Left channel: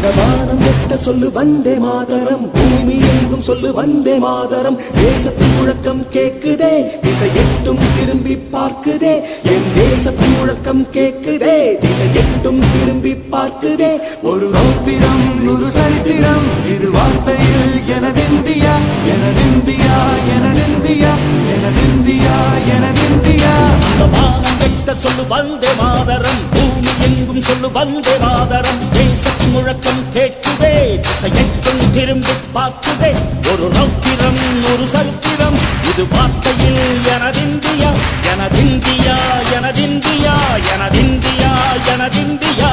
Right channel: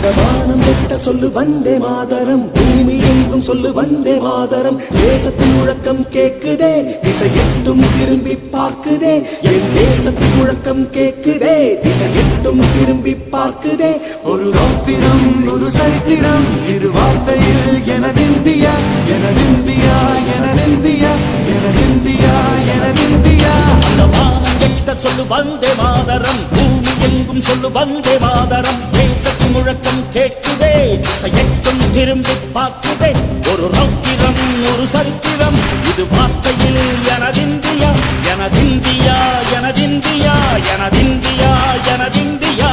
அந்த வானம் வெட்ட சொல்லு வந்தே மாதரம், பூமி எங்கும் சொல்லு வந்தே மாதரம். தேசத்தின் முழக்கம் கேக்குதே, திசை எட்டும் திரும்பி பார்க்குதே. என் தேசத்தின் முழக்கம் கேக்குதே, திசை எட்டும் திரும்பி பார்க்குதே. ஒரு ரௌத்திரம் ஒரு சரித்திரம் இரு வார்த்தையில் எனதிந்தியா எனதிந்தியா எனதிந்தியா எனதிந்தியா எனதிந்தியா. அந்த வானம் வெட்ட சொல்லு வந்தே மாதரம், பூமி எங்கும் சொல்லு வந்தே மாதரம். தேசத்தின் முழக்கம் கேட்குதே, திசை எட்டும் திரும்பி பார்க்குதே. ஒரு ரௌத்திரம் ஒரு சரித்திரம் இது வார்த்தையில் எனதிந்தியா எனதிந்தியா எனதிந்தியா எனதிந்தியா எனதிந்தியா.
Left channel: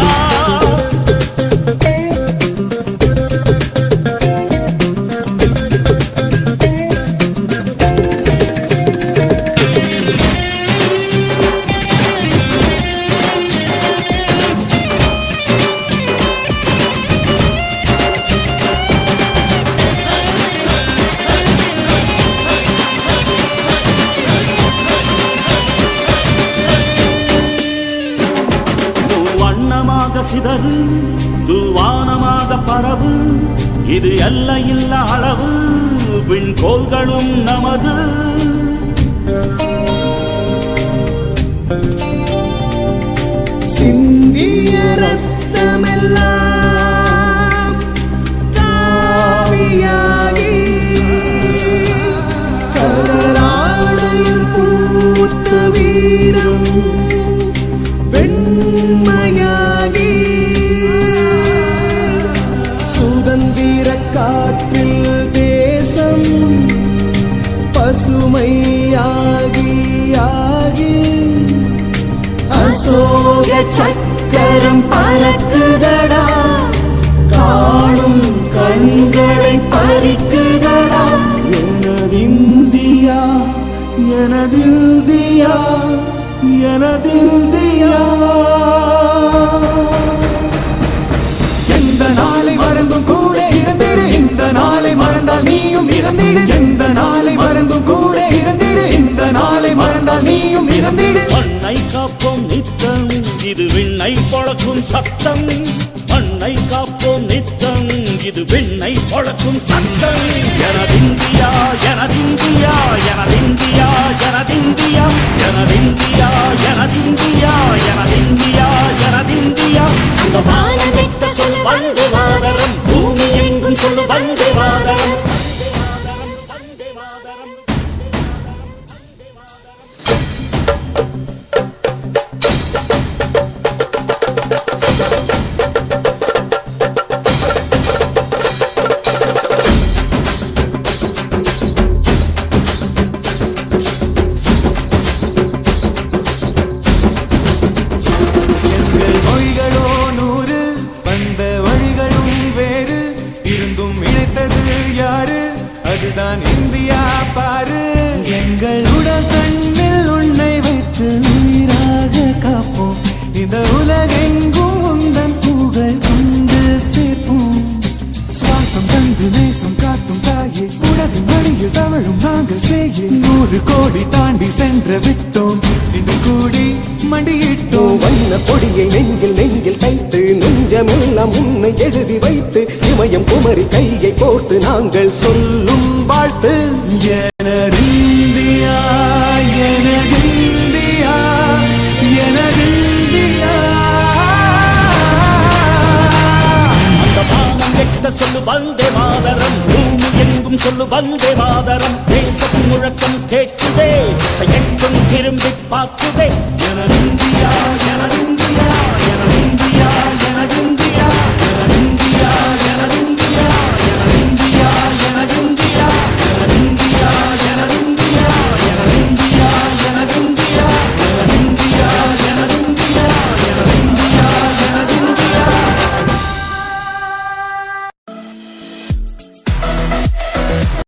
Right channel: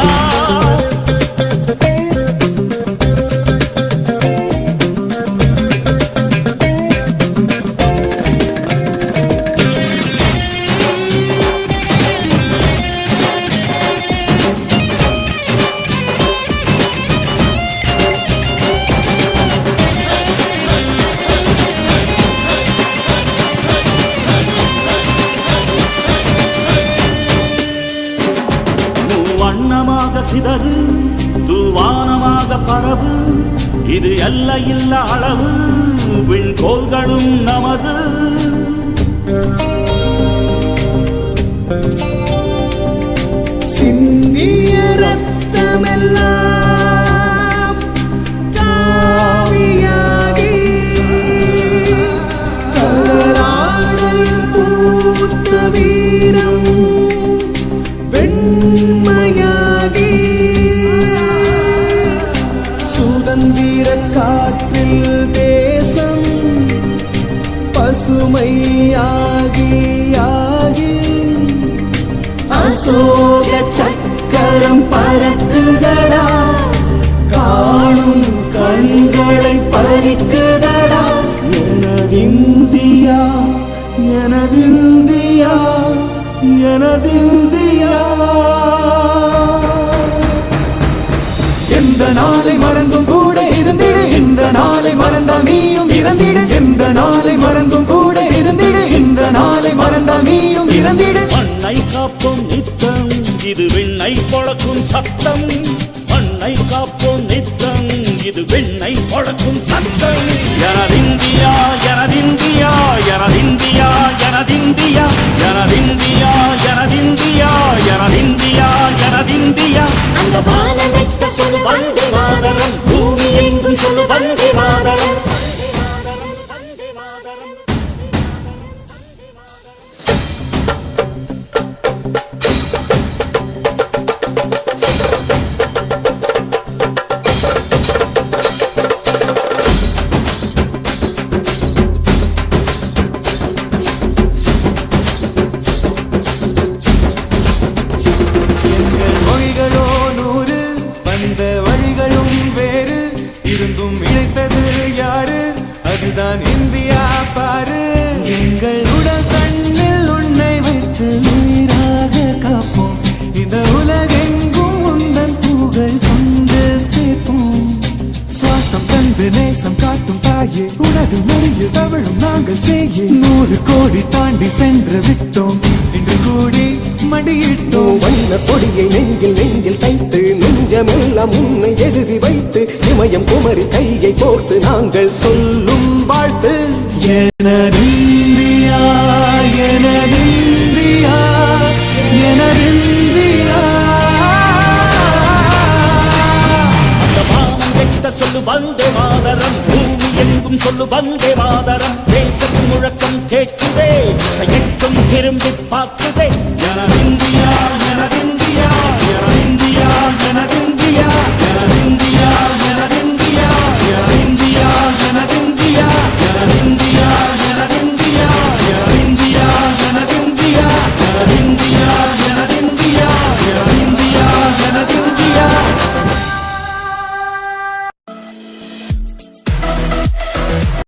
வண்ணமாக சிதறு தூவானமாக பரவு, இது எல்லையில்ல அளவு விண்கோள்களும் நமது. சிந்திய ரத்தமெல்லாம் காவியாகி கலராடையில் பூத்த வீரம் வெண்மையாகி சுதந்திர காற்றில் தேசம் பசுமையாகி ஆகி அசோக சக்கரம் பறக்குதடா, காணும் கண்களை பறிக்குதடா. எனதிந்தியா எனதிந்தியா எனதிந்தியா. எந்த நாளை மறந்தும் கூட இருந்திட, இந்த நாளை மறந்தால் நீயும் இறந்திட. எந்த நாளை மறந்தும் கூட இருந்திட, இந்த நாளை மறந்தால் நீயும் இறந்திட. மண்ணை காப்போம் நித்தம் இது விண்ணை பொழக்கும் சத்தம். மண்ணை காப்போம் நித்தம் இது விண்ணை பொழக்கும் சத்தம். எனதிந்தியா எனதிந்தியா எனதிந்தியா எனதிந்தியா எனதிந்தியா எனதிந்தியா எனதிந்தியா எனதிந்தியா. அந்த வானம் வெட்ட சொல்லு வந்தே மாதரம், பூமி எங்கும் சொல்லு வந்தே மாதரம். வந்தே மாதரம் வந்தே மாதரம். எங்கள் மொழிகளோ 100, வந்த வழிகளும் வேறு. இருந்தும் இணைத்தது யாரு? அதுதான் இந்தியா பாரு. எங்கள் உடல் தன்னில் உன்னை வைத்து உயிராக காப்போம். இந்த உலகெங்கும் உந்தன் புகழ் கொண்டு சேர்ப்போம். சுவாசம் தந்து நேசம் காட்டும் தாயே, உலகின் மொழியில் தவழும் நாங்கள் செய்ய 100 கோடி தாண்டி சென்று விட்டோம். இன்று கூடி மடியிட்டோம். வண்ண கொடியை நெஞ்சில் நெஞ்சில் தைத்து, நெஞ்சமெல்லாம் உன்னை எழுதி வைத்து, இமயம் குமரி கையை கோர்த்து நாங்கள் சொல்லும் வாழ்த்து. எனதிந்தியா எனதிந்தியா எனதிந்தியா. அந்த வானம் வெட்ட சொல்லு வந்தே மாதரம், பூமி எங்கும் சொல்லு வந்தே மாதரம். தேசத்தின் முழக்கம் கேட்குதே, திசை எட்டும் திரும்பி பார்க்குதே.